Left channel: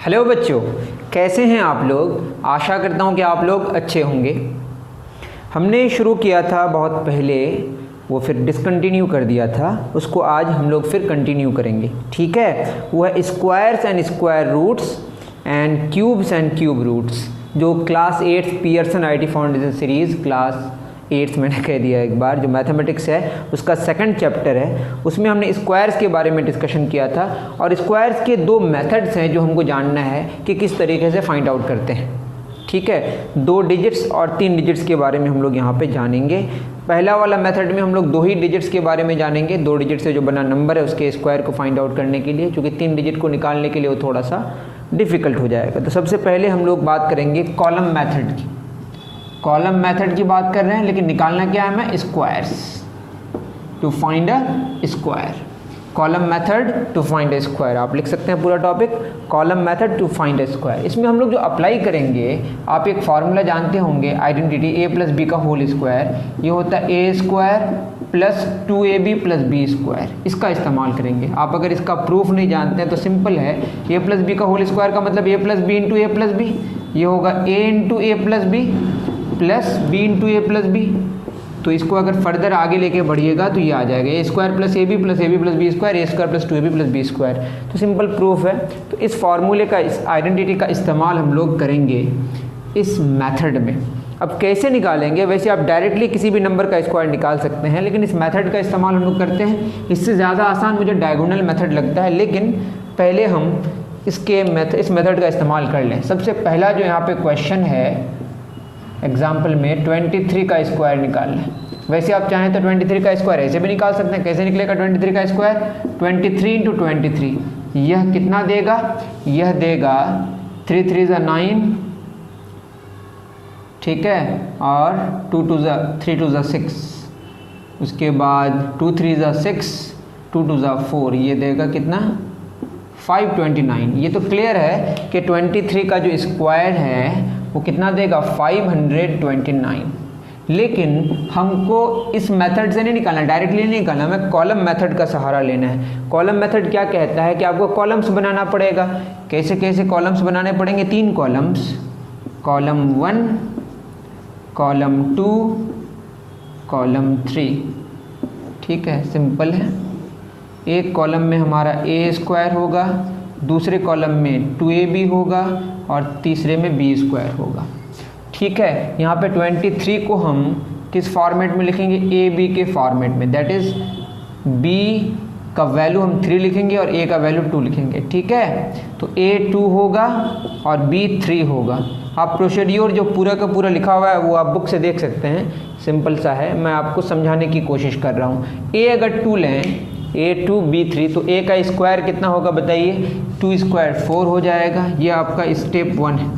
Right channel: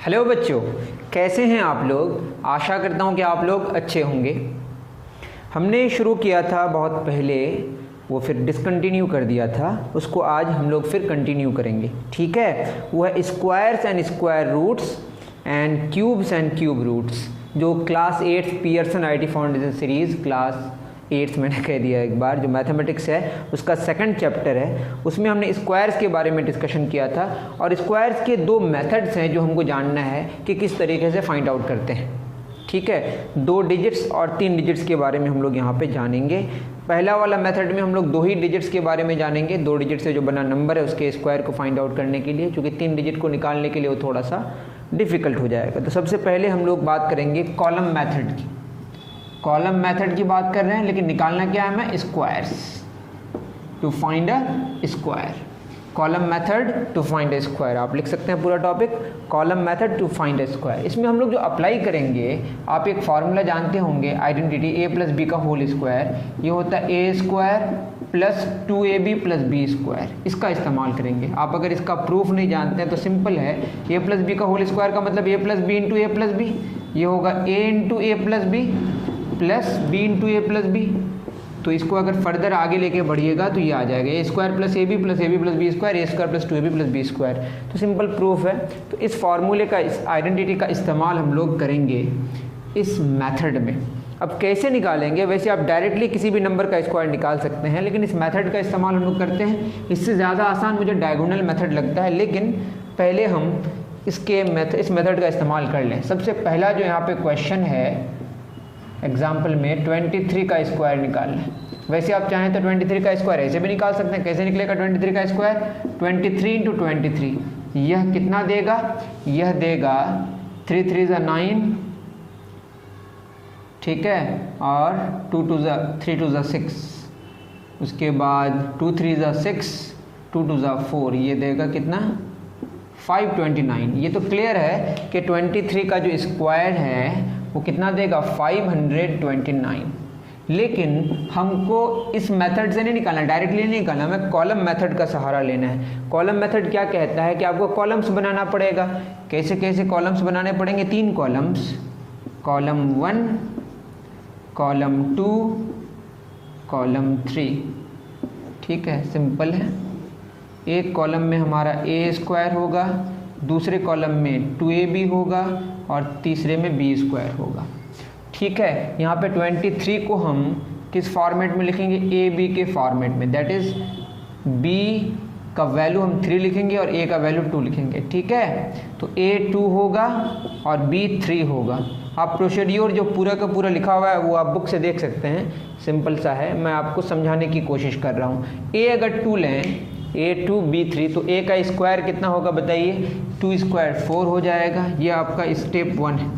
Hello बच्चों, कैसे हैं आप लोग। आशा करता हूं कि आप लोग अच्छे होंगे। हमने शुरू किया था बहुत पहले, वो फिर डिसकंटिन्यू कर दिया था, उसको आज हम लोग फिर कंटिन्यू करेंगे। ठीक है, वो है squares and square roots and cubes and cube roots, जो class 8 Pearson IT foundation series class 8 मैंने कह दिया एक बार, जो मैथमेटिक्स है उसका सेकंड चैप्टर है। उसमें हमने स्क्वायर्स के बारे में डिस्कशन किया था और स्क्वायर्स के दो मेथड्स हैं जो हमको जानना है कि किस तरीके से फाइंड आउट करते हैं। ठीक है, 2 डिजिट्स और 3 डिजिट्स के बारे में हम लोग यहाँ पे जानेंगे। पहला वाला मेथड में हम लोग 2 ही डिजिट्स के बारे में जानेंगे, 2 डिजिट से जो बना नंबर है उसके स्क्वायर को फाइंड आउट करने के लिए, क्योंकि 3 डिजिट को निकालने के लिए वो थोड़ा सा डिफ़िकल्ट हो जाएगा। तो सबसे पहले हम लोग बात करेंगे कॉलम मेथड की। कॉलम मेथड की बात कर रहे हैं, लेकिन निकालना क्या है हमें, squares to find a square. Column method to find a square आप लिख सकते हैं पूरा topic, column method to find a square. इसमें हम लोग जो अप्लाई करेंगे, आप एक फार्मूला जानते होंगे आइडेंटिटी a प्लस बी का होल स्क्वायर, ये होता है A square plus 2ab plus B square. इसका इस्तेमाल करेंगे। आप अगर इसका प्रूफ नहीं जानते हैं तो सिंपल है, a प्लस बी का होल स्क्वायर का मतलब a plus B into A plus B, ये होगा a into A plus B plus B into A plus B. तो इसको अगर फर्दर आगे लेके बढ़िएगा तो ये आ जाएगा A square plus A B plus B square, A square plus 2ab plus B square. तो सिंपल प्रूफ है। तो इस फार्मूले का, इस आइडेंटिटी का इस्तेमाल हम लोग करेंगे इस मेथड में। अब कैसे निकालेंगे, वैसे आप डायरेक्टली किसी भी नंबर का स्क्वायर निकाल सकते हैं, लेकिन इस मेथड का इस्तेमाल हम लोग करते हैं। इससे ज़्यादा आसान मुझे डायगोनल मेथड लगता है, लेकिन पहले हम इस मेथड का इस्तेमाल कर लें। सबसे पहला जो यहाँ पे क्वेश्चन है एग्जाम्पल में 23 का स्क्वायर निकालना है। वैसे आप चाहें तो 23 का स्क्वायर ऐसे भी निकाल सकते हैं। कैसे निकलेगा 23 का स्क्वायर, 23 इंटू 23, यह कितना देगा, यह देगा 3 3 ज़ा 9, ठीक है, और 2 2 ज़ा 3 2 ज़ा 6, उसके बाद 2 3 ज़ा 6, 2 2 ज़ा 4, ये देगा कितना 529। ये तो क्लियर है कि 23 का जो स्क्वायर है वो कितना देगा 529। लेकिन हमको इस मेथड से नहीं निकालना, डायरेक्टली नहीं निकालना, हमें कॉलम मेथड का सहारा लेना है। कॉलम मेथड क्या कहता है कि आपको कॉलम्स बनाना पड़ेगा। कैसे कैसे कॉलम्स बनाने पड़ेंगे, 3 कॉलम्स, कॉलम 1, कॉलम 2, कॉलम 3। ठीक है, सिंपल है। एक कॉलम में हमारा ए स्क्वायर होगा, दूसरे कॉलम में 2ab होगा और तीसरे में बी स्क्वायर होगा। ठीक है, यहाँ पे 23 को हम किस फॉर्मेट में लिखेंगे, ए बी के फॉर्मेट में। दैट इज बी का वैल्यू हम 3 लिखेंगे और ए का वैल्यू 2 लिखेंगे। ठीक है, तो ए 2 होगा और बी 3 होगा। आप प्रोसीड्यूर जो पूरा का पूरा लिखा हुआ है वो आप बुक से देख सकते हैं, सिंपल सा है, मैं आपको समझाने की कोशिश कर रहा हूँ। ए अगर 2 लें, a2 b3, तो a का स्क्वायर कितना होगा बताइए, 2 स्क्वायर 4 हो जाएगा। ये आपका स्टेप 1 है।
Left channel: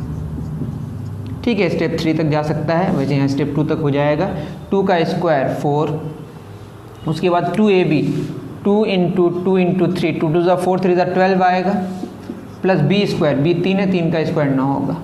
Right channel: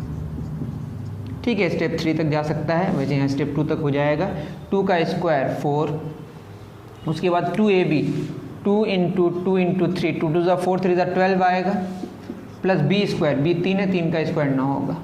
ठीक है, स्टेप 3 तक जा सकता है, वैसे यहाँ स्टेप 2 तक हो जाएगा। 2 का स्क्वायर 4, उसके बाद 2ab, 2 इंटू 2 इंटू 3, 2 2 ज़ा 4, 3 ज़ा 12 आएगा, प्लस बी स्क्वायर, बी 3 है, 3 का स्क्वायर 9 होगा।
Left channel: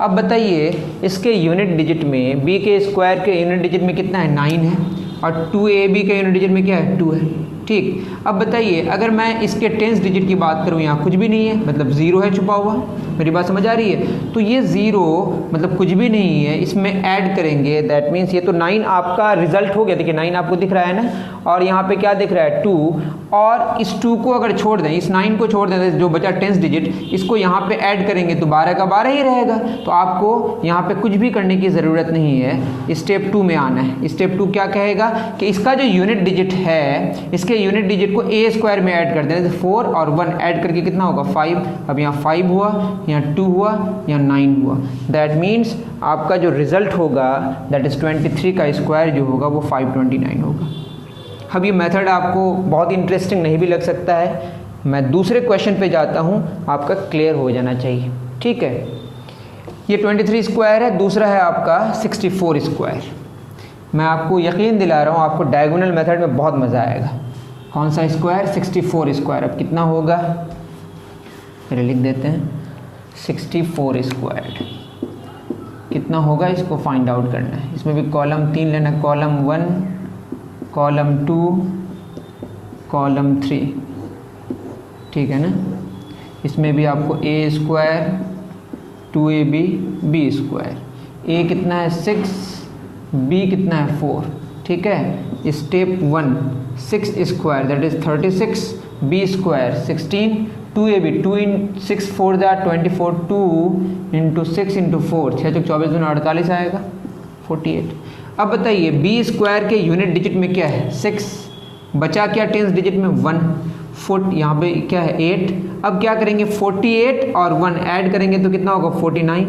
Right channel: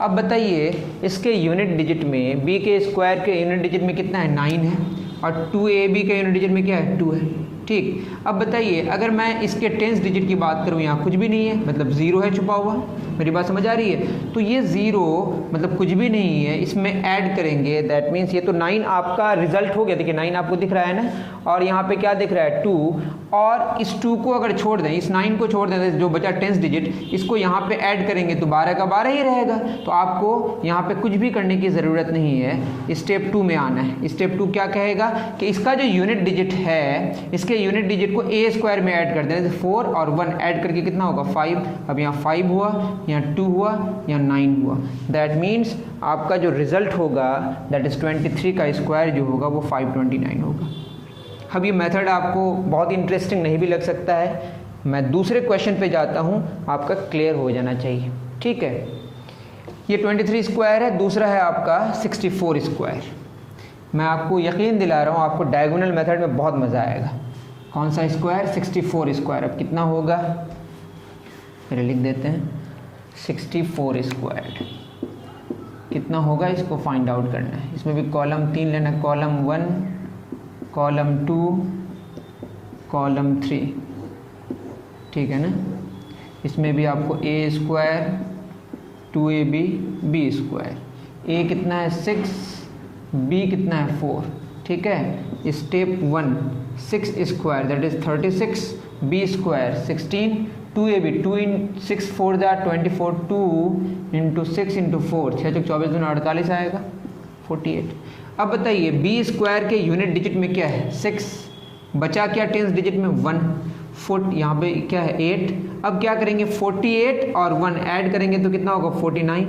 अब बताइए इसके यूनिट डिजिट में, b के स्क्वायर के यूनिट डिजिट में कितना है, 9 है, और 2ab के यूनिट डिजिट में क्या है, 2 है। ठीक, अब बताइए अगर मैं इसके 10th डिजिट की बात करूँ, यहाँ कुछ भी नहीं है, मतलब 0 है छुपा हुआ। मेरी बात समझ आ रही है। तो ये 0 मतलब कुछ भी नहीं है, इसमें ऐड करेंगे, दैट मीन्स ये तो 9 आपका रिजल्ट हो गया। देखिए 9 आपको दिख रहा है ना, और यहाँ पे क्या दिख रहा है 2, और इस 2 को अगर छोड़ दें, इस 9 को छोड़ दें, जो बचा 10th डिजिट, इसको यहाँ पे ऐड करेंगे तो 12 का 12 ही रहेगा। तो आपको यहाँ पे कुछ भी करने की ज़रूरत नहीं है, स्टेप 2 में आना है। स्टेप 2 क्या कहेगा कि इसका जो यूनिट डिजिट है, इसके यूनिट डिजिट को ए स्क्वायर में ऐड कर दें, 4 और 1 ऐड करके कितना होगा 5। अब यहाँ 5 हुआ, यहाँ 2 हुआ, यहाँ 9 हुआ। दैट मीन्स आपका जो रिजल्ट होगा, दैट इज़ 23 का स्क्वायर जो होगा वो 529 होगा। अब ये मेथड आपको बहुत इंटरेस्टिंग नहीं भी लग सकता है, मैं दूसरे क्वेश्चन पे जाता हूँ, आपका क्लियर हो जाना चाहिए। ठीक है, ये 23 स्क्वायर है, दूसरा है आपका 64 स्क्वायर। मैं आपको यकीन दिला रहा हूँ आपको डायगोनल मेथड में बहुत मज़ा आएगा। कौन सा स्क्वायर, 64 स्क्वायर। अब कितना होगा, फिर लिख देते हैं 64 स्क्वायर कितना होगा, इसको फाइंड आउट करना है। इसमें भी कॉलम 3 लेना, कॉलम 1, कॉलम 2, कॉलम 3। ठीक है ना, इसमें भी आपको A square 2ab B square, A कितना है 6, बी कितना है 4, ठीक है। Step 1 6 square that is 36, B square 16, 2ab 2 in 6 4 that 24, 2 into 6 into 4 6 चौक 24 दूना 48 आएगा 48। अब बताइए बी स्क्वायर के यूनिट डिजिट में क्या है 6, बचा क्या टेंस डिजिट में 1, 4 यहाँ पे क्या है 8। अब क्या करेंगे 48 और 1 ऐड करेंगे तो कितना होगा 49,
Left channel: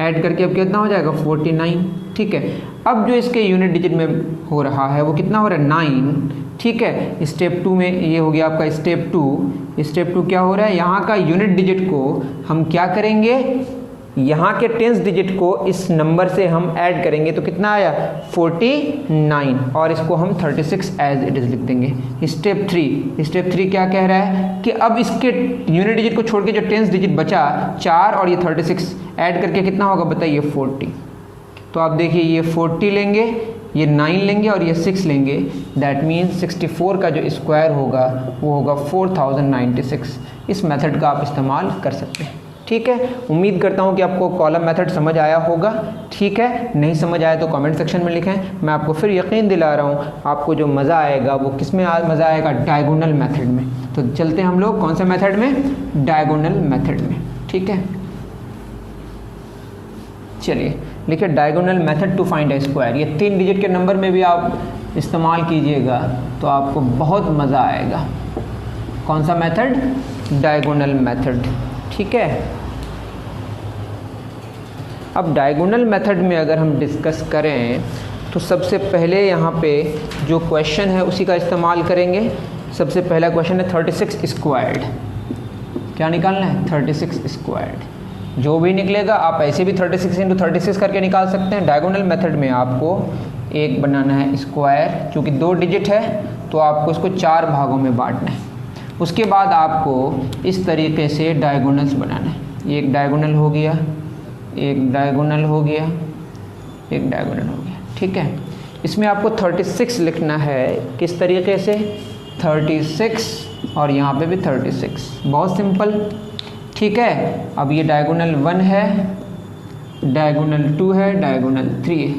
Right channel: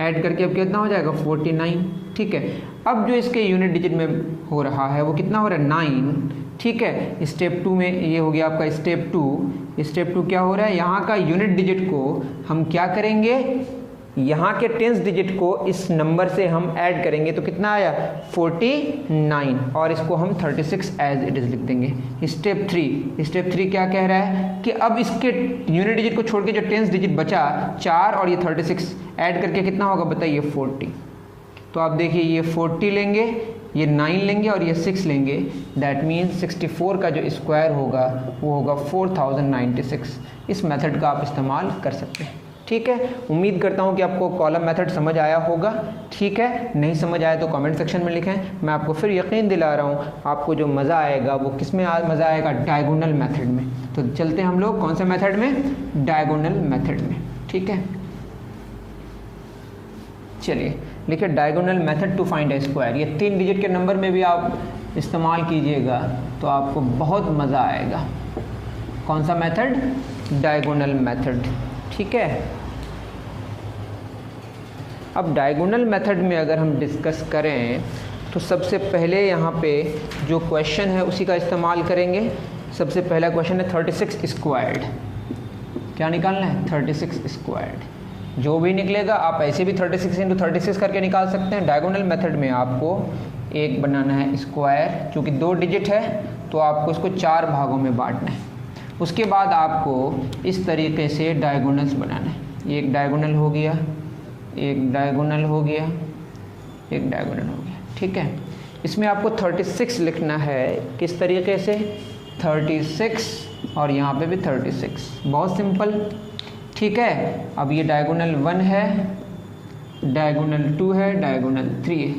ऐड करके अब कितना हो जाएगा 49, ठीक है। अब जो इसके यूनिट डिजिट में हो रहा है वो कितना हो रहा है 9, ठीक है। स्टेप 2 में ये हो गया आपका स्टेप 2। स्टेप 2 क्या हो रहा है, यहाँ का यूनिट डिजिट को हम क्या करेंगे, यहाँ के टेंस डिजिट को इस नंबर से हम ऐड करेंगे तो कितना आया 49, और इसको हम 36 एज इट इज लिख देंगे। स्टेप 3 क्या कह रहा है कि अब इसके यूनिट डिजिट को छोड़ के जो टेंस डिजिट बचा 4 और ये 36 ऐड करके कितना होगा बताइए 40। तो आप देखिए ये 40 लेंगे, ये 9 लेंगे और ये 6 लेंगे, दैट मीन्स 64 का जो स्क्वायर होगा वो होगा 4096। इस मेथड का आप इस्तेमाल कर सकते हैं, ठीक है। उम्मीद करता हूँ कि आपको कॉलम मेथड समझ आया होगा, ठीक है। नहीं समझ आया तो कमेंट सेक्शन में लिखें। मैं आपको फिर यकीन दिला रहा हूँ आपको जो मज़ा आएगा वो किस में मज़ा आएगा, डायगोनल मेथड में। तो चलते हैं हम लोग कौन से मेथड में, डायगोनल मेथड में, ठीक है। चलिए लिखिए diagonal method to find a square. ये 3 डिजिट के नंबर में भी आप इस्तेमाल कीजिएगा तो आपको बहुत मज़ा आएगा। कौन सा मेथड, डायगोनल मेथड, ठीक है। अब डायगोनल मेथड में अगर हम डिस्कस करें तो सबसे पहले यहाँ पे जो क्वेश्चन है उसी का इस्तेमाल करेंगे। सबसे पहला क्वेश्चन है 36 स्क्वायर्ड। क्या निकालना है 36 स्क्वायर्ड। जो भी निकलेगा आप ऐसे भी 36 इंटू 36 करके निकाल सकते हैं। डायगोनल मेथड में आपको एक बनाना है स्क्वायर, चूँकि 2 डिजिट है तो आपको इसको 4 भागों में बांटना है। उसके बाद आपको इस तरीके से डायगोनल्स बनाना है। एक डायगोनल हो गया, एक डायगोनल हो गया, एक डायगोनल हो गया, ठीक है। इसमें आपको 36 लिखना है, किस तरीके से 36 और यहाँ पे भी 36, बहुत सिंपल, ठीक है। अब ये डायगोनल 1 है, डायगोनल 2 है, डायगोनल 3 है।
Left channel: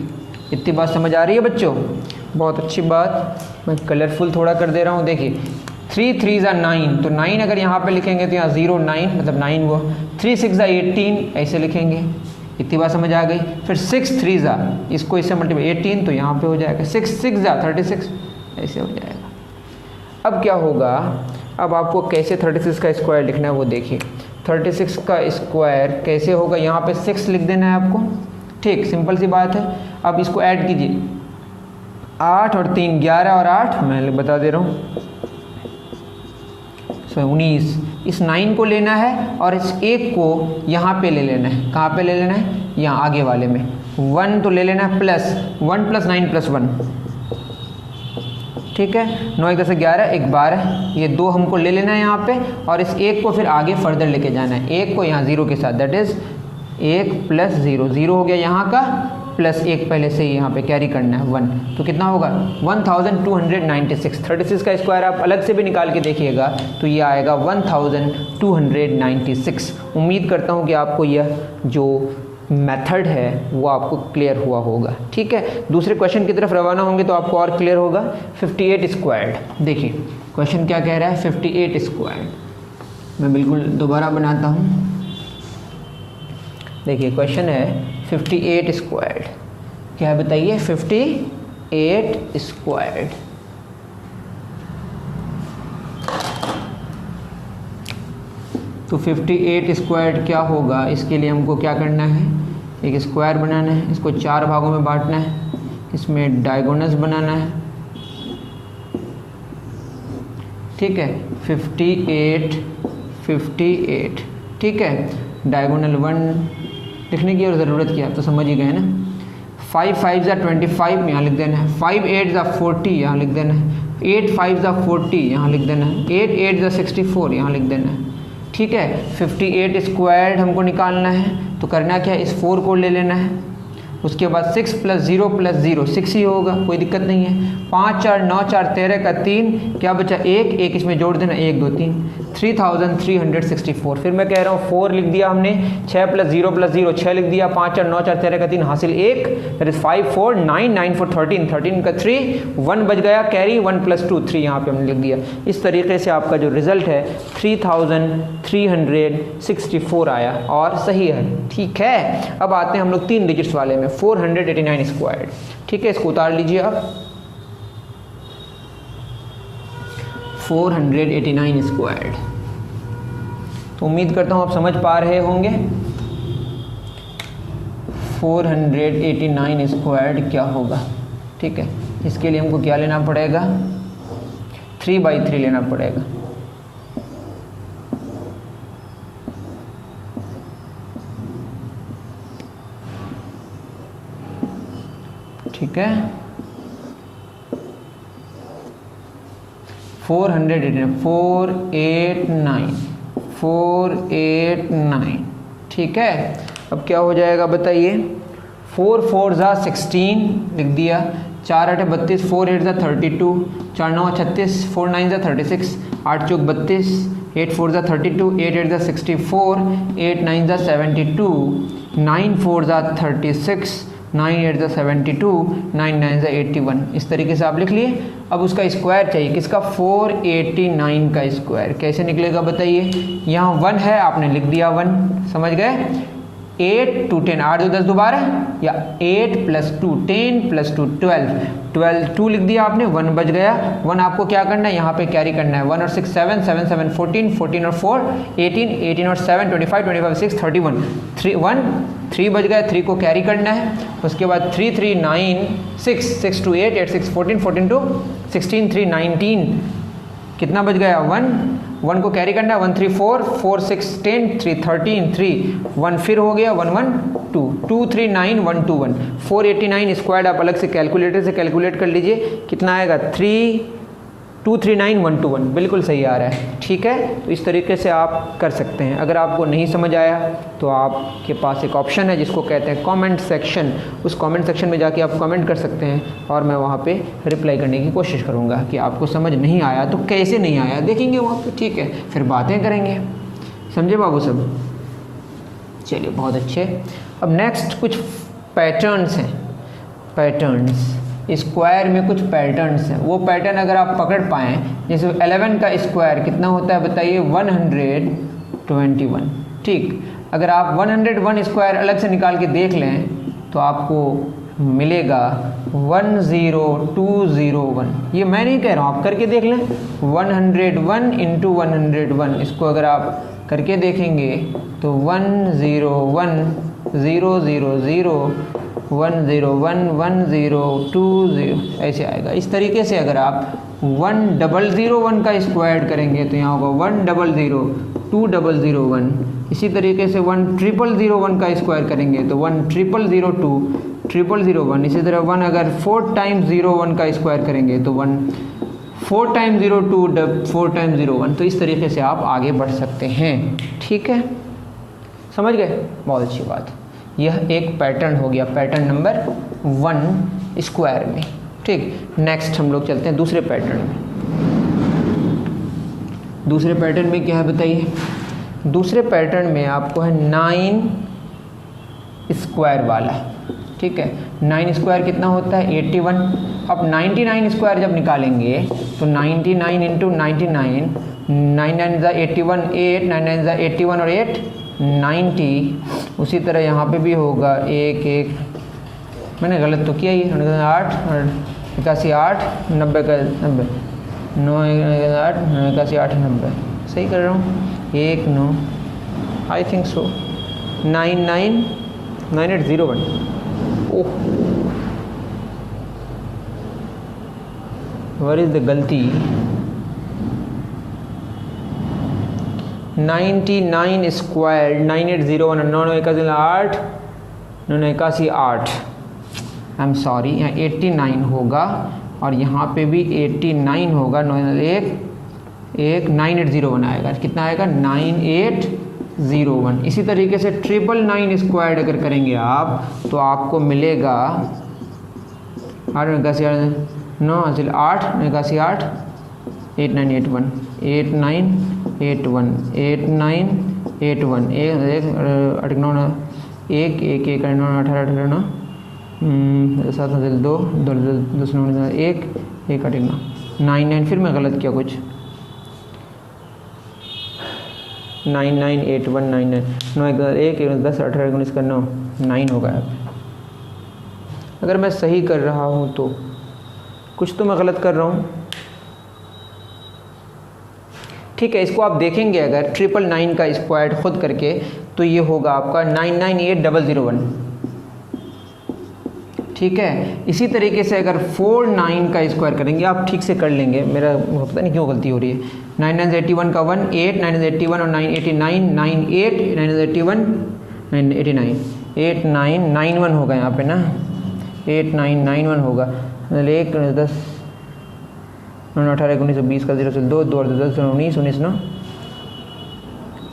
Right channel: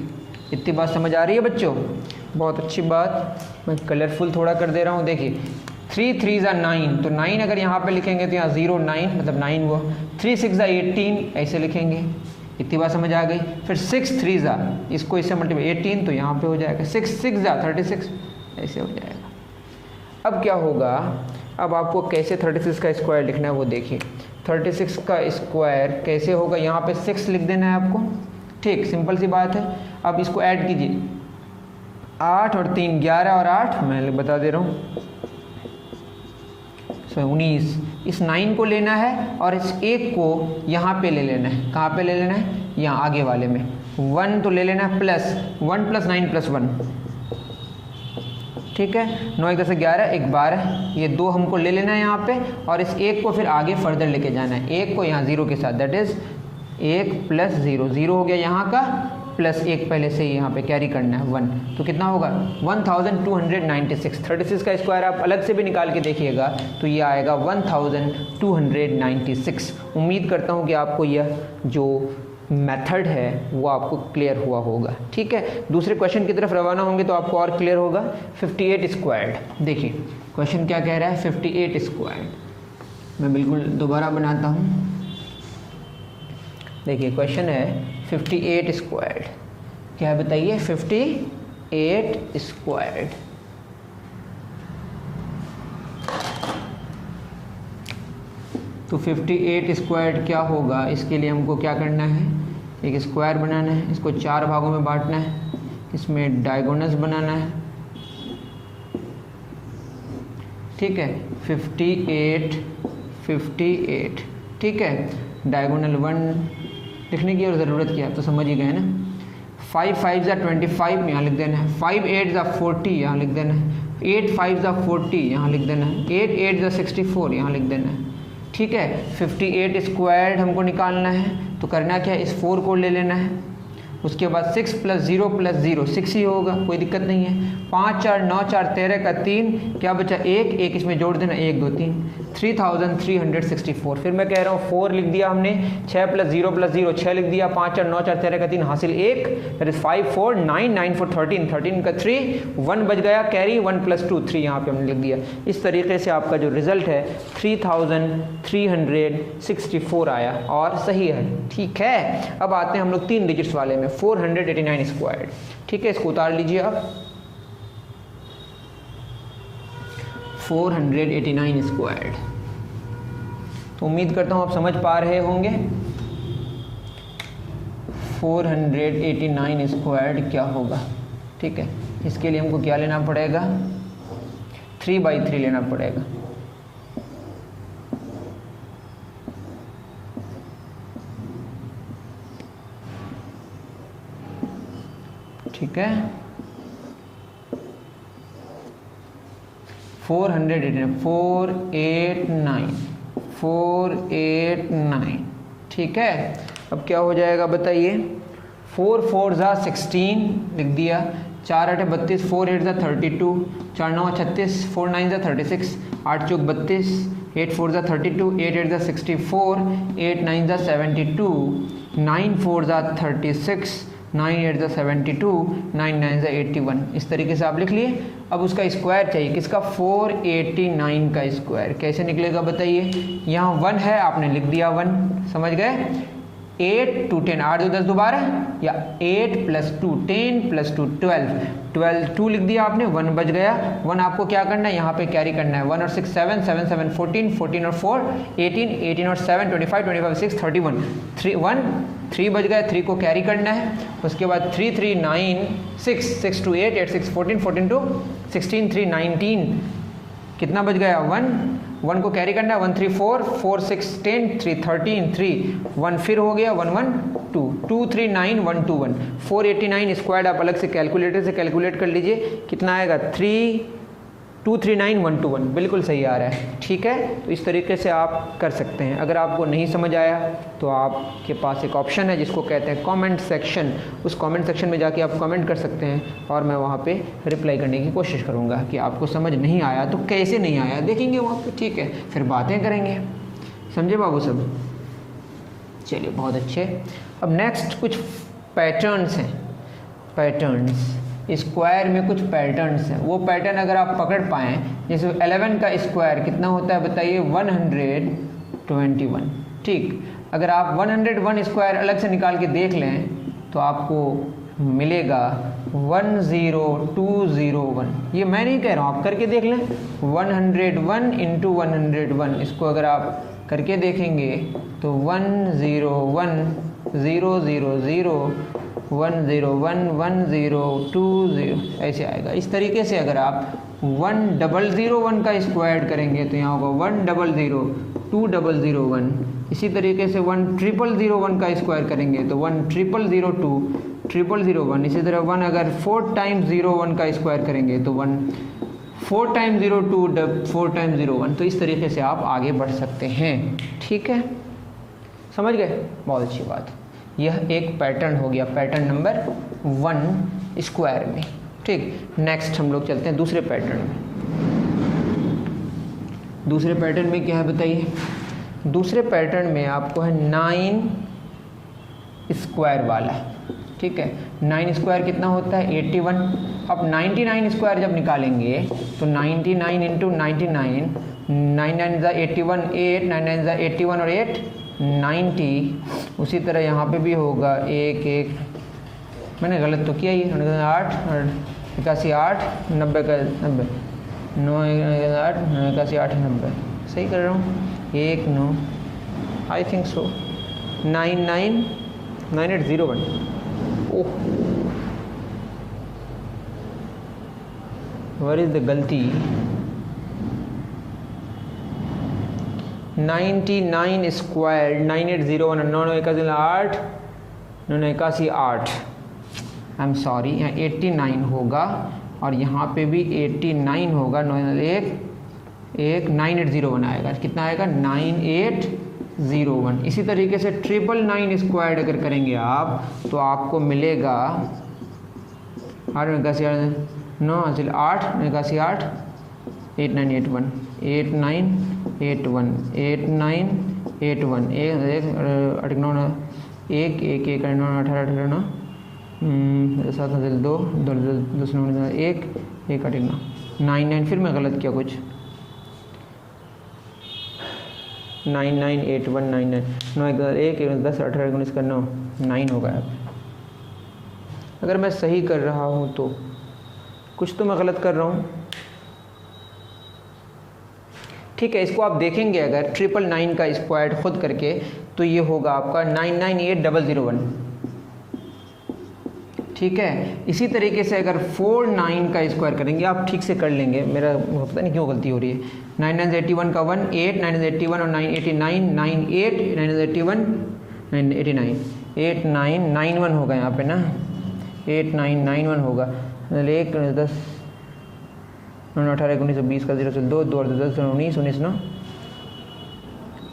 इतनी बात समझ आ रही है बच्चों, बहुत अच्छी बात। मैं कलरफुल थोड़ा कर दे रहा हूँ, देखिए 3 3 ज़ा 9, तो 9 अगर यहाँ पे लिखेंगे तो यहाँ 0 9 मतलब 9 वो, 3 6 ज़ा 18 ऐसे लिखेंगे। इतनी बात समझ आ गई। फिर 6 3 ज़ा, इसको इससे मल्टीप्लाई 18 तो यहाँ पे हो जाएगा 6 6 ज़ा 36 ऐसे हो जाएगा। अब क्या होगा, अब आपको कैसे 36 का स्क्वायर लिखना है वो देखिए। 36 का स्क्वायर कैसे होगा, यहाँ पे 6 लिख देना है आपको, ठीक, सिंपल सी बात है। अब इसको ऐड कीजिए, 8 और 3 11 और 8 मैं बता दे रहा हूँ 19। इस 9 को लेना है और इस 1 को यहाँ पे ले लेना है। कहाँ पे ले लेना है, यहाँ आगे वाले में 1 तो ले लेना है, प्लस 1 + 9 + 1, ठीक है। 9 1 10 11 1 12, ये 2 हमको ले लेना है यहाँ पे, और इस 1 को फिर आगे फर्दर लेके जाना है। 1 को यहाँ 0 के साथ, दैट इज 1 + 0, 0 हो गया यहाँ का, प्लस 1 पहले से ही यहाँ पे कैरी करना है 1, तो कितना होगा 1296। 36 का स्क्वायर आप अलग से भी निकाल के देखिएगा तो ये आएगा 1296। उम्मीद करता हूँ कि आपको यह जो मेथड है वो आपको क्लियर हुआ होगा, ठीक है। दूसरे क्वेश्चन की तरफ रवाना होंगे तो आपको और क्लियर होगा। 58 स्क्वायर्ड, देखिए क्वेश्चन क्या कह रहा है 58 स्क्वायर्ड। मैं बिल्कुल दोबारा बनाता हूँ, देखिए क्वेश्चन है 58 स्क्वायर्ड। क्या है बताइए 58 स्क्वायर्ड। तो 58 स्क्वायर्ड क्या होगा, इसके लिए हमको क्या करना है, एक स्क्वायर बनाना है, इसको 4 भागों में बांटना है, इसमें डायगोनल्स बनाना है, ठीक है। 58 ठीक है। डायगोनल 1 लिखने की और ज़रूरत क्या, तो समझ ही गए ना। 5 5 ज़ा 25 यहाँ लिख देना है, 5 8 ज़ा 40 यहाँ लिख देना है, 8 5 ज़ा 40 यहाँ लिख देना है, 8 8 ज़ा 64 यहाँ लिख देना है, ठीक है। 58 स्क्वायर्ड हमको निकालना है, तो करना क्या है, इस 4 को ले लेना है, उसके बाद 6 + 0 + 0 6 ही होगा, कोई दिक्कत नहीं है। 5 4 9 4 13 का 3, क्या बचा 1 1, इसमें जोड़ देना 1 2 3, 3364। फिर मैं कह रहा हूँ 4 लिख दिया हमने, 6 + 0 + 0 6 लिख दिया, 5 और 9 4 13 का 3 हासिल 1, दैट इज 5 4 9 9 4 13 13 का 3 1 बच गया, कैरी 1 + 2 3 यहाँ पे हमने लिख दिया। इस तरीके से आपका जो रिजल्ट है 3364 आया और सही है। ठीक है, अब आते हैं हम लोग 3 डिजिट्स वाले में, 489 स्क्वायर्ड। ठीक है, इसको उतार लीजिए आप, 489 स्क्वायर्ड। तो उम्मीद करता हूँ आप समझ पा रहे होंगे 489 स्क्वायर्ड क्या होगा। ठीक है, इसके लिए हमको क्या लेना पड़ेगा, 3/3 लेना पड़ेगा। ठीक है, 489 ठीक है। अब क्या हो जाएगा बताइए, 4 4 ज़ा 16 लिख दिया, 4 8 32, 4 8 ज़ा 32, 4 9 36, 4 9 ज़ा 36, 8 चौक 32, 8 4 ज़ा 32, 8 8 ज़ा 64, 8 9 ज़ा 72, 9 4 ज़ा 36, 9 8 ज़ा 72, 9 9 ज़ा 81। इस तरीके से आप लिख लिए। अब उसका स्क्वायर चाहिए, किसका, 489 का स्क्वायर। कैसे निकलेगा बताइए, यहाँ 1 है, आपने लिख दिया 1, समझ गए। 8 2 10, 8 2 10 दोबारा, या 8 + 2 10 + 2 12 2 लिख दिया आपने, 1 बच गया। 1 आपको क्या करना है, यहाँ पे कैरी करना है, 1 और 6 7 7 7 14 14 और 4 18 18 और 7 25 25 6 31 3 1 3 बच गया, 3 को कैरी करना है। उसके बाद 3 3 9 6 6 2 8 8 6 14 14 2 16 3 19, कितना बच गया, 1 1 को कैरी करना है, 1 3 4 4 6 10 3 13 3 1 फिर हो गया, 1 1 2 2 3 9 1 2 1 489 स्क्वायर्ड आप अलग से कैलकुलेटर से कैलकुलेट कर लीजिए, कितना आएगा, 3239 बिल्कुल सही आ रहा है। ठीक है, तो इस तरीके से आप कर सकते हैं। अगर आपको नहीं समझ आया तो आपके पास एक ऑप्शन है जिसको कहते हैं कमेंट सेक्शन, उस कमेंट सेक्शन में जाके आप कमेंट कर सकते हैं और मैं वहाँ पे रिप्लाई करने की कोशिश करूँगा कि आपको समझ नहीं आया तो कैसे नहीं आया, देखेंगे वहाँ पे। ठीक है, फिर बातें करेंगे, समझे बाबू सब। चलिए, बहुत अच्छे। अब नेक्स्ट कुछ पैटर्न्स हैं, पैटर्न्स स्क्वायर में कुछ पैटर्न्स हैं। वो पैटर्न अगर आप पकड़ पाएँ, जैसे 11 का स्क्वायर कितना होता है बताइए, 121। ठीक, अगर आप 101 स्क्वायर अलग से निकाल के देख लें तो आपको मिलेगा 10201। ये मैं नहीं कह रहा हूँ, आप करके देख लें। 101 × 101, इसको अगर आप करके देखेंगे तो 101 0 0 0 101 1020 ऐसे आएगा। इस तरीके से अगर आप 1001 का स्क्वायर करेंगे तो यहाँ होगा 100 इसी तरीके से 1001 का स्क्वायर करेंगे तो 1000 इसी तरह 1 अगर 4 × 01 का स्क्वायर करेंगे तो 4 × 02 4 × 01। तो इस तरीके से आप आगे बढ़ सकते हैं। ठीक है, समझ गए, बहुत अच्छी बात। यह एक पैटर्न हो गया, पैटर्न नंबर 1 स्क्वायर में। ठीक, नेक्स्ट हम लोग चलते हैं दूसरे पैटर्न में। दूसरे पैटर्न में क्या है बताइए, दूसरे पैटर्न में आपको है 9 स्क्वायर वाला। ठीक है, 9 स्क्वायर कितना होता है, 81। अब 99 स्क्वायर जब निकालेंगे तो 99 × 99, 9 9 ज़ा 81 8, 9 9 ज़ा 81 और 8 90। उसी तरह यहाँ पे भी होगा 1 1, मैंने गलत तो किया ही, 8 81 8 90 का 90 9 8 81 8 90, सही कर रहा हूँ, 1 9 I think so 9801। Oh, what is the गलती, 99 स्क्वायर 9801 981 981 8, आई एम सॉरी, यहाँ 89 होगा और यहाँ पे भी 89 होगा, 9801 आएगा, कितना आएगा 9801। इसी तरीके से 999 स्क्वायर अगर करेंगे आप तो आपको मिलेगा 8 8981 8981 8981 8 1 8 9 8 1 एक 18 18 7 2 2 1 1 8 9 9 फिर मैं गलत किया कुछ 9 9 8 1 9 9 9 1 10 18 19 का 9 9 होगा। अगर मैं सही कर रहा हूँ तो कुछ तो मैं गलत कर रहा हूँ। ठीक है, इसको आप देखेंगे अगर 999 का स्क्वायर खुद करके तो ये होगा आपका 998001। ठीक है, इसी तरीके से अगर 49 का स्क्वायर करेंगे, आप ठीक से कर लेंगे, मेरा पता नहीं क्यों गलती हो रही है। 9981 का 1 8 981 और 989 98 981 989 8991 होगा यहाँ पे ना, 8991 होगा। 1 10 18 19 20 का 0 से 2 2 10 19 19 9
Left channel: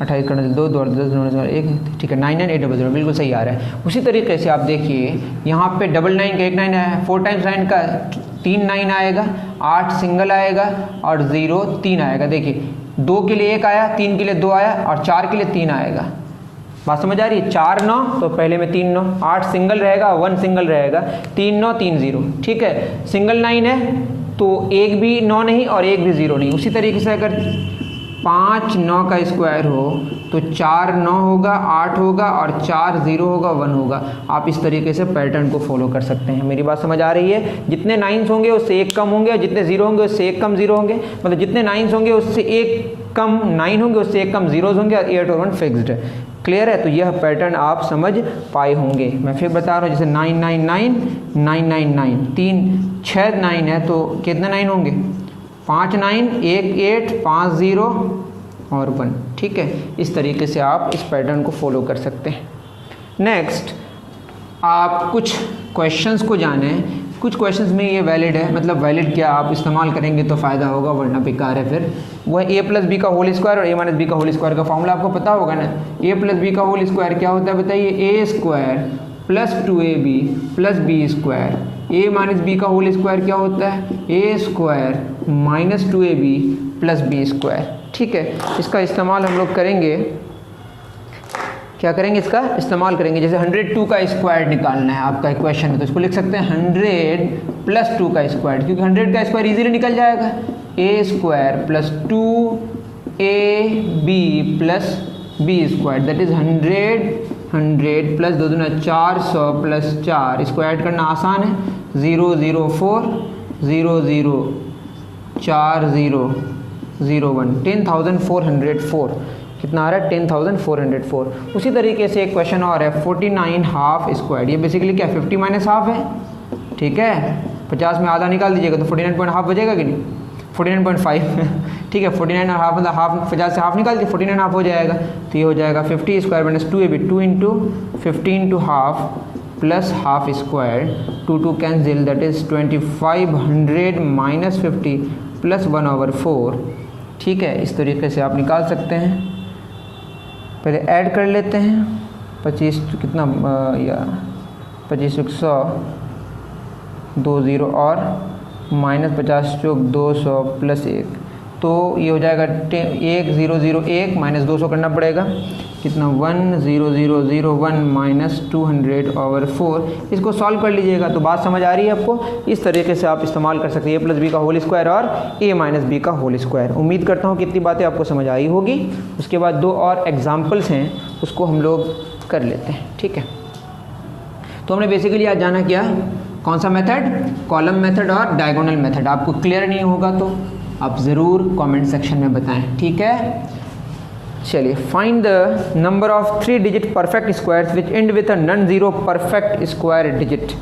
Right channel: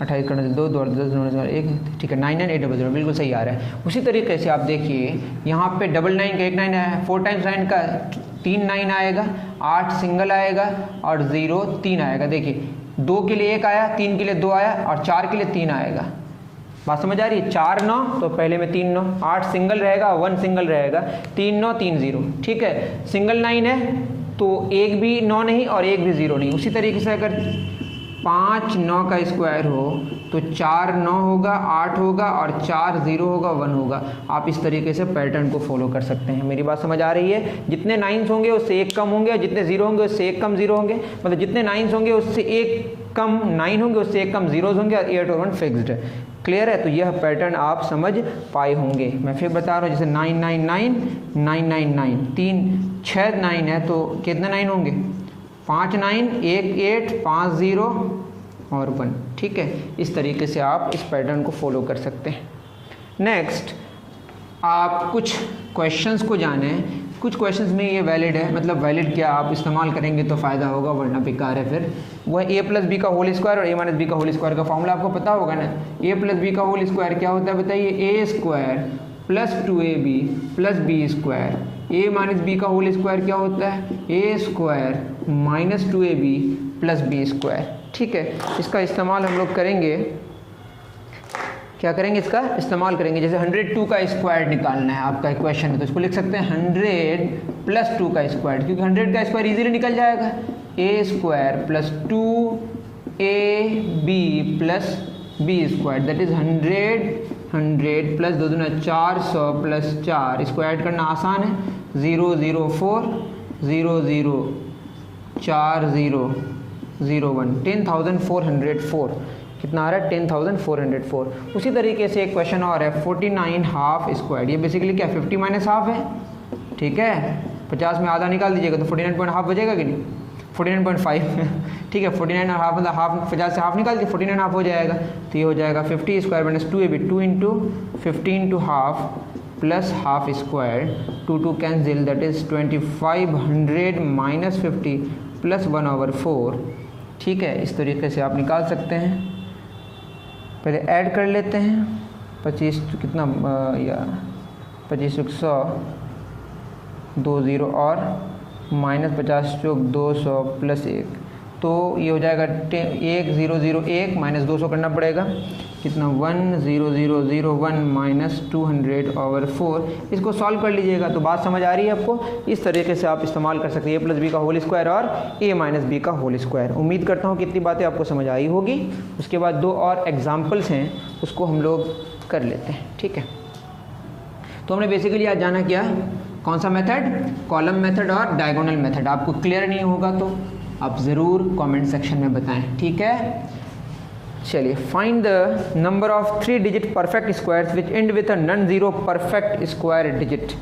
28 का 2 2 10 19 1। ठीक है, 99800 बिल्कुल सही आ रहा है। उसी तरीके से आप देखिए यहाँ पे 99 का 1 9 है, 4 टाइम्स 9 का 3 9 आएगा, 8 सिंगल आएगा और 0 3 आएगा। देखिए 2 के लिए 1 आया, 3 के लिए 2 आया और 4 के लिए 3 आएगा। बात समझ आ रही है? 4 9 तो पहले में 3 9, 8 सिंगल रहेगा, 1 सिंगल रहेगा, 3 9 3 0। ठीक है, सिंगल 9 है तो एक भी 9 नहीं और एक भी 0 नहीं। उसी तरीके से अगर 5 9 का स्क्वायर हो तो 4 9 होगा, 8 होगा और 4 0 होगा, 1 होगा। आप इस तरीके से पैटर्न को फॉलो कर सकते हैं। मेरी बात समझ आ रही है? जितने 9s होंगे उससे एक कम होंगे, जितने 0 होंगे उससे एक कम 0 होंगे, मतलब जितने 9s होंगे उससे एक कम 9 होंगे, उससे एक कम 0s होंगे और 8 और 1 फिक्स्ड है। क्लियर है? तो यह पैटर्न आप समझ पाए होंगे। मैं फिर बता रहा हूँ, जैसे 999 999 3 6 9 है तो कितने 9 होंगे? 5 9 1 8 5 0 और 1। ठीक है, इस तरीके से आप इस पैटर्न को फॉलो कर सकते हैं। नेक्स्ट, आप कुछ क्वेश्चंस को जानें। कुछ क्वेश्चंस में ये वैलिड है, मतलब वैलिड क्या, आप इस्तेमाल करेंगे तो फ़ायदा होगा वरना बेकार है। फिर वह a प्लस बी का होल स्क्वायर और a माइनस बी का होल स्क्वायर का फॉर्मूला आपको पता होगा ना। a प्लस बी का होल स्क्वायर क्या होता है बताइए? a square plus 2ab plus B square. a minus B का होल स्क्वायर क्या होता है? a square minus 2ab plus B square. ठीक है, इसका इस्तेमाल हम लोग करेंगे, क्या करेंगे? इसका इस्तेमाल करेंगे। जैसे 102 का स्क्वायर निकालना है आपका इक्वेशन है तो इसको लिख सकते हैं 100 प्लस 2 का स्क्वायर, क्योंकि 100 का स्क्वायर इजीली निकल जाएगा। a square plus 2ab plus B square that is 100 plus 2 दूना 400 प्लस 4, इसको ऐड करना आसान है। 0 0 4 0 0 4 0 0 1 10,404 कितना आ रहा है? 10,404। उसी तरीके से एक क्वेश्चन और है 49 हाफ स्क्वायर। ये बेसिकली क्या 50 माइनस हाफ है। ठीक है, 50 में आधा निकाल दीजिएगा तो 49.5 बचेगा कि नहीं? 49.5 ठीक है, 49 और हाफ मतलब हाफ, 50 से हाफ निकाल के 49 हाफ हो जाएगा। तो ये हो जाएगा 50 square minus 2ab 2 into 15 to half plus half square, 2 2 cancel that is 2500 minus 50 plus 1/4। ठीक है, इस तरीके से आप निकाल सकते हैं। पहले ऐड कर लेते हैं 25 कितना या 25 100 2 0 और माइनस 50 चौक 200 प्लस 1, तो ये हो जाएगा 1001 माइनस 200 करना पड़ेगा कितना 10001 माइनस 200/4। इसको सॉल्व कर लीजिएगा तो बात समझ आ रही है आपको। इस तरीके से आप इस्तेमाल कर सकते हैं a प्लस बी का होल स्क्वायर और a माइनस बी का होल स्क्वायर। उम्मीद करता हूँ कितनी बातें आपको समझ आई होगी। उसके बाद 2 और एग्जाम्पल्स हैं उसको हम लोग कर लेते हैं। ठीक है, तो हमने बेसिकली आज जाना क्या, कौन सा मेथड? कॉलम मेथड और डायगोनल मेथड। आपको क्लियर नहीं होगा तो आप ज़रूर कमेंट सेक्शन में बताएं। ठीक है, चलिए, find the number of 3 digit perfect squares which and with a non zero perfect square digit.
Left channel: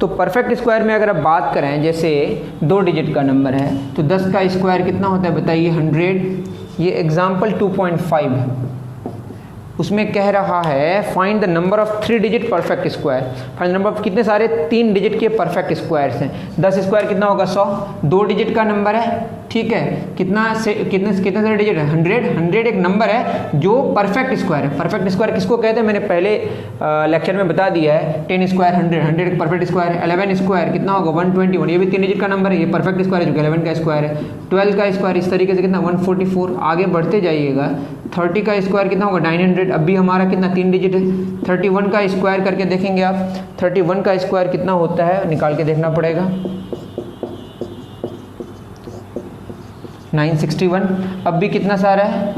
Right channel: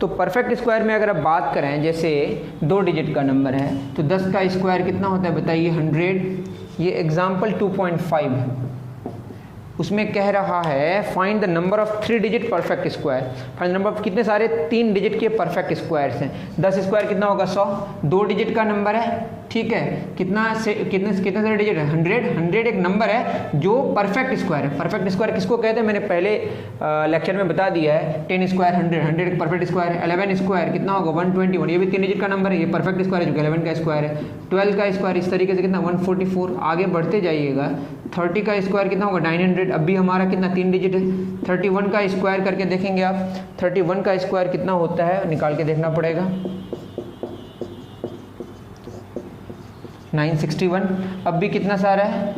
तो परफेक्ट स्क्वायर में अगर आप बात करें, जैसे 2 डिजिट का नंबर है तो 10 का स्क्वायर कितना होता है बताइए? 100। ये एग्जाम्पल 2.5 है, उसमें कह रहा है find the number of 3 digit perfect square. Find number of कितने सारे 3 डिजिट के परफेक्ट स्क्वायर्स हैं। 10 स्क्वायर कितना होगा? 100। 2 डिजिट का नंबर है, ठीक है, कितना से डिजिट है? 100 एक नंबर है जो परफेक्ट स्क्वायर है। परफेक्ट स्क्वायर किसको कहते हैं मैंने पहले लेक्चर में बता दिया है। 10 स्क्वायर 100 एक परफेक्ट स्क्वायर है। 11 स्क्वायर कितना होगा? 121, ये भी 3 डिजिट का नंबर है, ये परफेक्ट स्क्वायर है जो कि 11 का स्क्वायर है। 12 का स्क्वायर इस तरीके से कितना? 144। आगे बढ़ते जाइएगा, 30 का स्क्वायर कितना होगा? 900। अब भी हमारा कितना? 3 डिजिट है। 31 का स्क्वायर करके देखेंगे आप, 31 का स्क्वायर कितना होता है निकाल के देखना पड़ेगा, 961। अब भी कितना सारा है?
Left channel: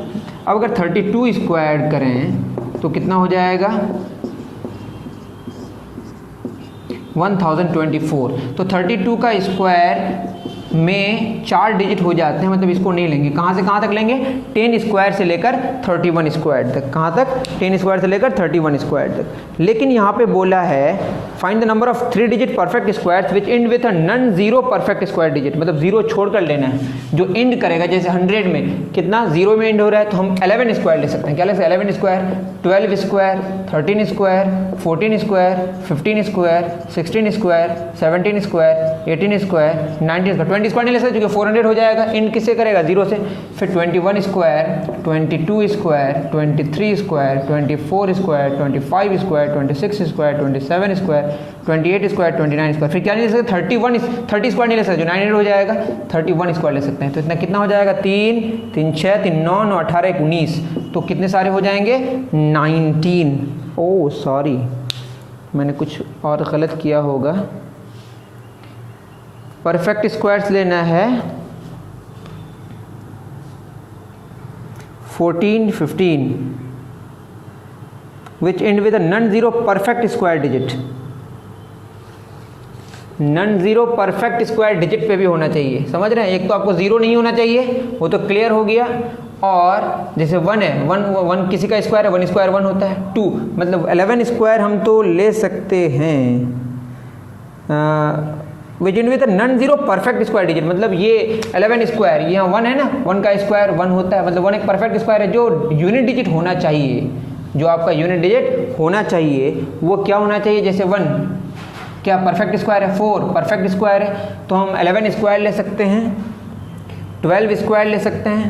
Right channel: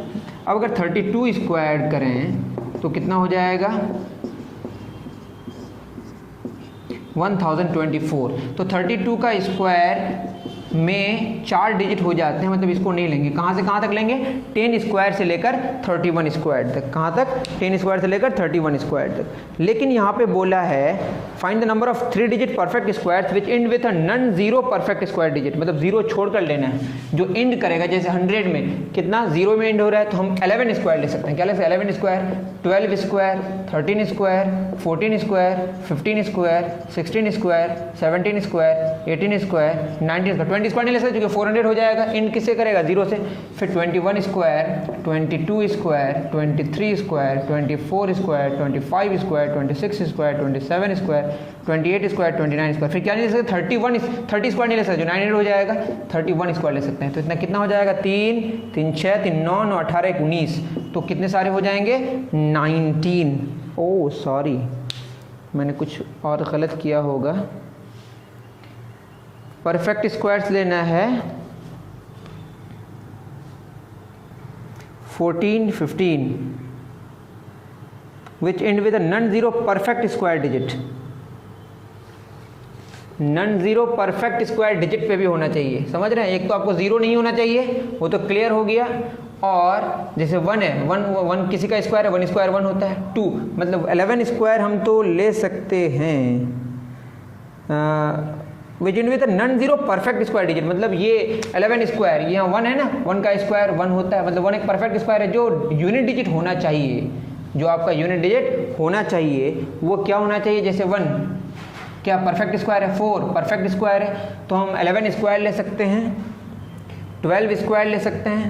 अब अगर 32 स्क्वायर करें तो कितना हो जाएगा? 1024। तो 32 का स्क्वायर में 4 डिजिट हो जाते हैं, मतलब इसको नहीं लेंगे। कहाँ से कहाँ तक लेंगे? 10 स्क्वायर से लेकर 31 स्क्वायर तक। कहाँ तक? 10 स्क्वायर से लेकर 31 स्क्वायर तक। लेकिन यहाँ पे बोला है find the number of 3 digit perfect squares which and with a non zero perfect square digit, मतलब जीरो छोड़ कर लेना है जो एंड करेगा। जैसे 100 में कितना जीरो में एंड हो रहा है, तो हम 11 स्क्वायर ले सकते हैं। क्या ले सकते हैं? 11 square, 12 square, 13 square, 14 square, 15 square, 16 square, 17 square, 18 square, 19 square, 20 square नहीं ले सकते क्योंकि 400 हो जाएगा। एंड किससे करेगा? जीरो से। फिर 21 square, 22 square, 23 square, 24 square, 25 square, 26 square, 27 square, 28 square, 29 square. फिर क्या नहीं ले सकते? 30 स्क्वायर नहीं ले सकते जो 900 हो जाएगा। 31 स्क्वायर ले सकते हैं। तो इतना कितना हो जाएगा? 3 3 6 3 9 9 18 19। तो कितने सारे हो जाएंगे? 19। ओह सॉरी, मैंने कुछ और गलत किया होगा। परफेक्ट स्क्वायर्स लेना है 14 15 which end with a non zero perfect square digit. Non zero perfect square digit पे भी होना चाहिए, समझ रहे हैं? एक तो आपको जीरो नहीं होना चाहिए, वो तो क्लियर हो गया। और जैसे 1 है, 1 किसी का स्क्वायर है, 1 स्क्वायर 1 होता है। 2 मतलब 11 स्क्वायर हम तो ले सकते हैं which end with a non zero perfect square digit. मतलब ये 11 स्क्वायर, यहाँ 1 है ना, 1 का स्क्वायर 1 होता है, मतलब 1 एक परफेक्ट स्क्वायर है जो यूनिट डिजिट होना चाहिए। जो आपका यूनिट डिजिट होना चाहिए वो क्या होना चाहिए? जैसे 1 क्या परफेक्ट स्क्वायर है? 4 परफेक्ट स्क्वायर है, तो हम 11 स्क्वायर ले सकते हैं, 12 स्क्वायर ले सकते हैं,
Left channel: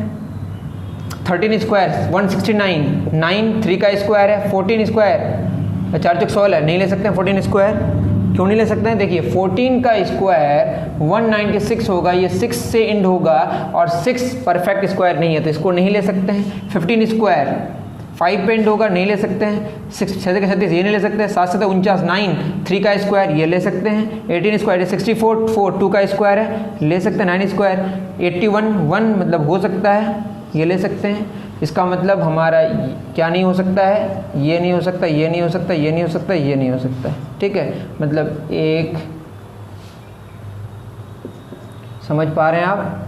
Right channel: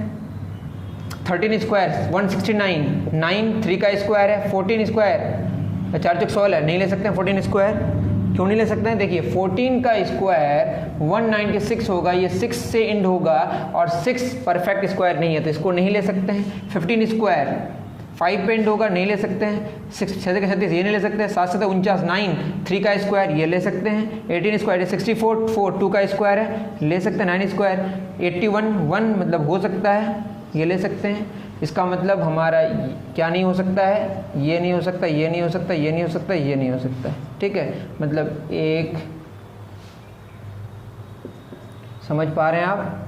13 स्क्वायर 169, 9 3 का स्क्वायर है, 14 स्क्वायर 4 चौक 16 नहीं ले सकते हैं। 14 स्क्वायर क्यों नहीं ले सकते हैं? देखिए 14 का स्क्वायर 196 होगा, ये 6 से एंड होगा और 6 परफेक्ट स्क्वायर नहीं है तो इसको नहीं ले सकते हैं। 15 स्क्वायर 5 पे एंड होगा, नहीं ले सकते हैं। 6 6 का 36 ये नहीं ले सकते हैं। 7 7 49 9 3 का स्क्वायर ये ले सकते हैं। 18 स्क्वायर 64 4 2 का स्क्वायर है, ले सकते हैं। 9 स्क्वायर 81 1 मतलब हो सकता है, ये ले सकते हैं। इसका मतलब हमारा क्या नहीं हो सकता है? ये नहीं हो सकता, ये नहीं हो सकता, ये नहीं हो सकता, ये नहीं हो सकता। ठीक है, मतलब एक समझ पा रहे हैं आप?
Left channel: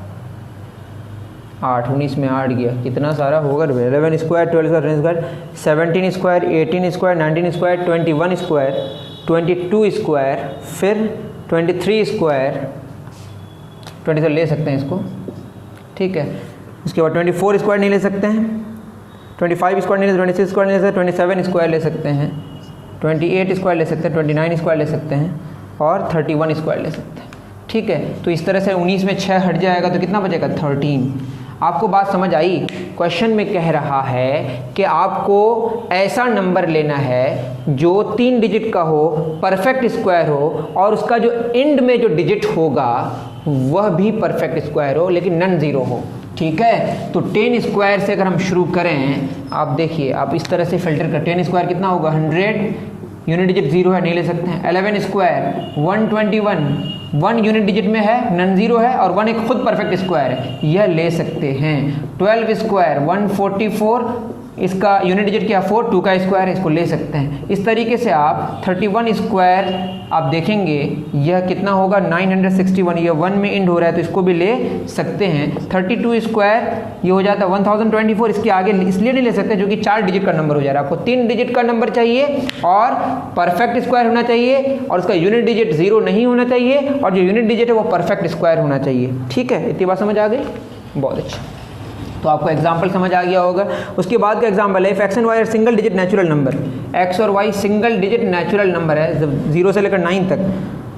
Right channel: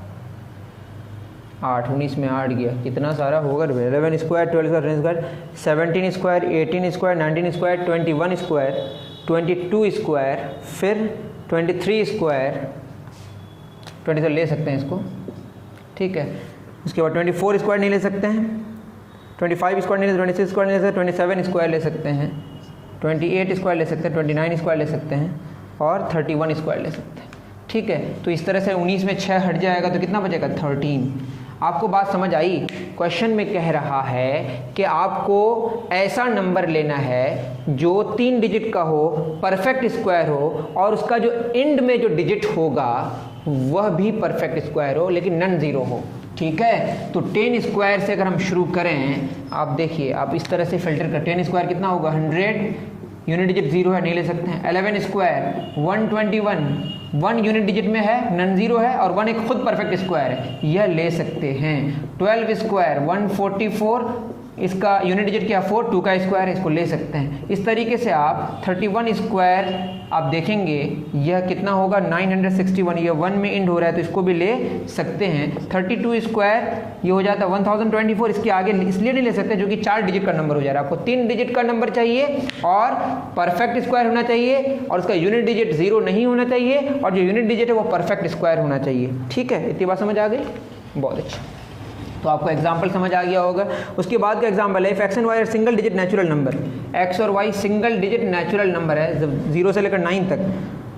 8 19 में 8 गया, कितना सारा होगा? 11 square, 12 square, 17 square, 18 square, 19 square, 21 square, 22 square, फिर 23 स्क्वायर, 23 ले सकते हैं इसको। ठीक है, उसके बाद 24 स्क्वायर नहीं ले सकते हैं, 25 स्क्वायर नहीं ले सकते, 26 स्क्वायर नहीं ले सकते, 27 स्क्वायर ले सकते हैं, 28 स्क्वायर ले सकते हैं, 29 स्क्वायर ले सकते हैं और 31 स्क्वायर ले सकते हैं। ठीक है, तो इस तरह से 19 में 6 हट जाएगा तो कितना बचेगा? 13। आपको बात समझ आई? क्वेश्चन में कह रहा है कि आपको ऐसा नंबर लेना है जो 3 डिजिट का हो, परफेक्ट स्क्वायर हो और उसका जो एंड में जो डिजिट होगा वह भी परफेक्ट स्क्वायर हो लेकिन नॉन जीरो हो। ठीक है, तो 10 स्क्वायर से अगर हम शुरू करें, आप देखिए आप इस तरह से फिल्टर कर, 10 स्क्वायर कितना होगा? 100, यूनिट डिजिट जीरो है, नहीं ले सकते हैं। 11 स्क्वायर 121, 1 यूनिट डिजिट में है, नॉन जीरो है और 1 एक खुद परफेक्ट स्क्वायर है, यह ले सकते हैं। 12 स्क्वायर 144, इसका यूनिट डिजिट क्या? 4, 2 का स्क्वायर है, इसको ले सकते हैं। इस तरीके से आप 31 स्क्वायर आप देखेंगे यह कितना होगा? 961, ये 1 में एंड हो रहा है तो इसको भी ले सकते हैं। 32 स्क्वायर ये हो जाता है 1024, इसके आगे इसलिए नहीं ले सकते जो कि 4 डिजिट का नंबर हो जा रहा है। आपको 3 डिजिट का नंबर चाहिए और परफेक्ट स्क्वायर होना चाहिए और उसका यूनिट डिजिट जीरो नहीं होना चाहिए और जो यूनिट डिजिट है वो परफेक्ट स्क्वायर होना चाहिए। ठीक है, इतनी बात समझ आ गई? बहुत अच्छा, तो आपको एग्जाम्पल समझ आ गया होगा। उसके बाद का एग्जाम्पल है, if X and Y are single digit natural number, X और Y single digit natural number है 0 से लेकर 9 तक,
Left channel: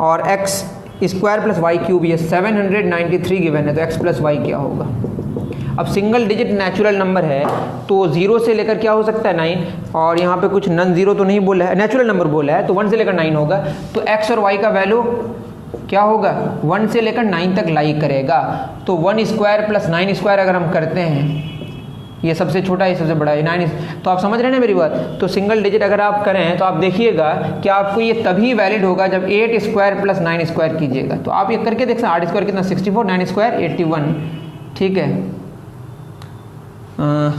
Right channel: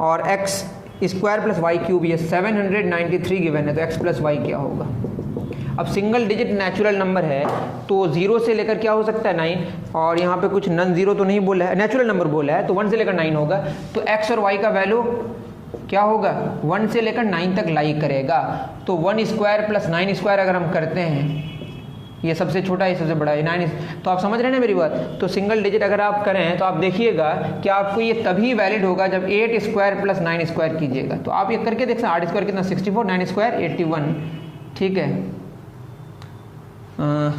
और X square plus Y cube, ये 793 गिवन है, तो एक्स प्लस वाई क्या होगा। अब सिंगल डिजिट नेचुरल नंबर है तो 0 से लेकर क्या हो सकता है 9, और यहाँ पे कुछ नन जीरो तो नहीं बोला है, नेचुरल नंबर बोला है, तो 1 से लेकर 9 होगा, तो x और y का वैल्यू क्या होगा 1 से लेकर 9 तक लाई करेगा। तो 1 स्क्वायर प्लस 9 स्क्वायर अगर हम करते हैं, ये सबसे छोटा है सबसे बड़ा है 9, तो आप समझ रहे हैं ना मेरी बात। तो सिंगल डिजिट अगर आप करें तो आप देखिएगा कि आपको ये तभी वैलिड होगा जब 8 स्क्वायर प्लस 9 स्क्वायर कीजिएगा। तो आप ये करके देख सकते हैं, 8 स्क्वायर कितना 64, 9 स्क्वायर 81, ठीक है,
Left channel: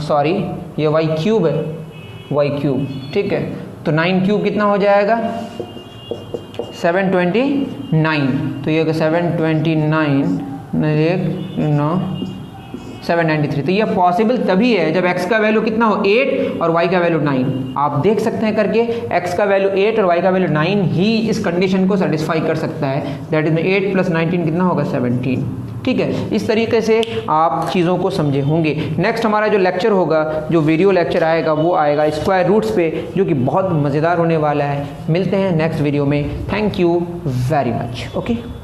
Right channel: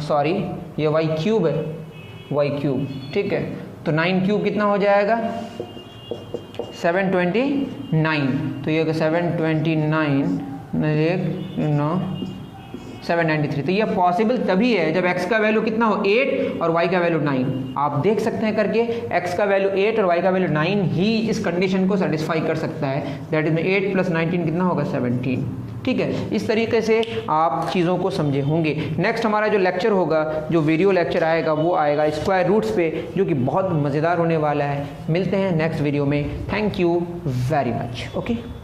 सॉरी ये वाई क्यूब है, वाई क्यूब, ठीक है, तो 9 क्यूब कितना हो जाएगा 729, तो ये 729 793। तो ये पॉसिबल तभी है जब x का वैल्यू कितना हो 8 और y का वैल्यू 9। आप देख सकते हैं करके x का वैल्यू 8 और y का वैल्यू 9 ही इस कंडीशन को सेटिस्फाई कर सकता है, दैट इज 8 प्लस 19 कितना होगा 17, ठीक है। इस तरीके से आप चीज़ों को समझे होंगे। नेक्स्ट हमारा जो लेक्चर होगा, जो वीडियो लेक्चर आएगा वो आएगा स्क्वायर रूट्स पे, जो कि बहुत मज़ेदार होने वाला है। मिलते हैं नेक्स्ट वीडियो में। Thank you very much. Okay.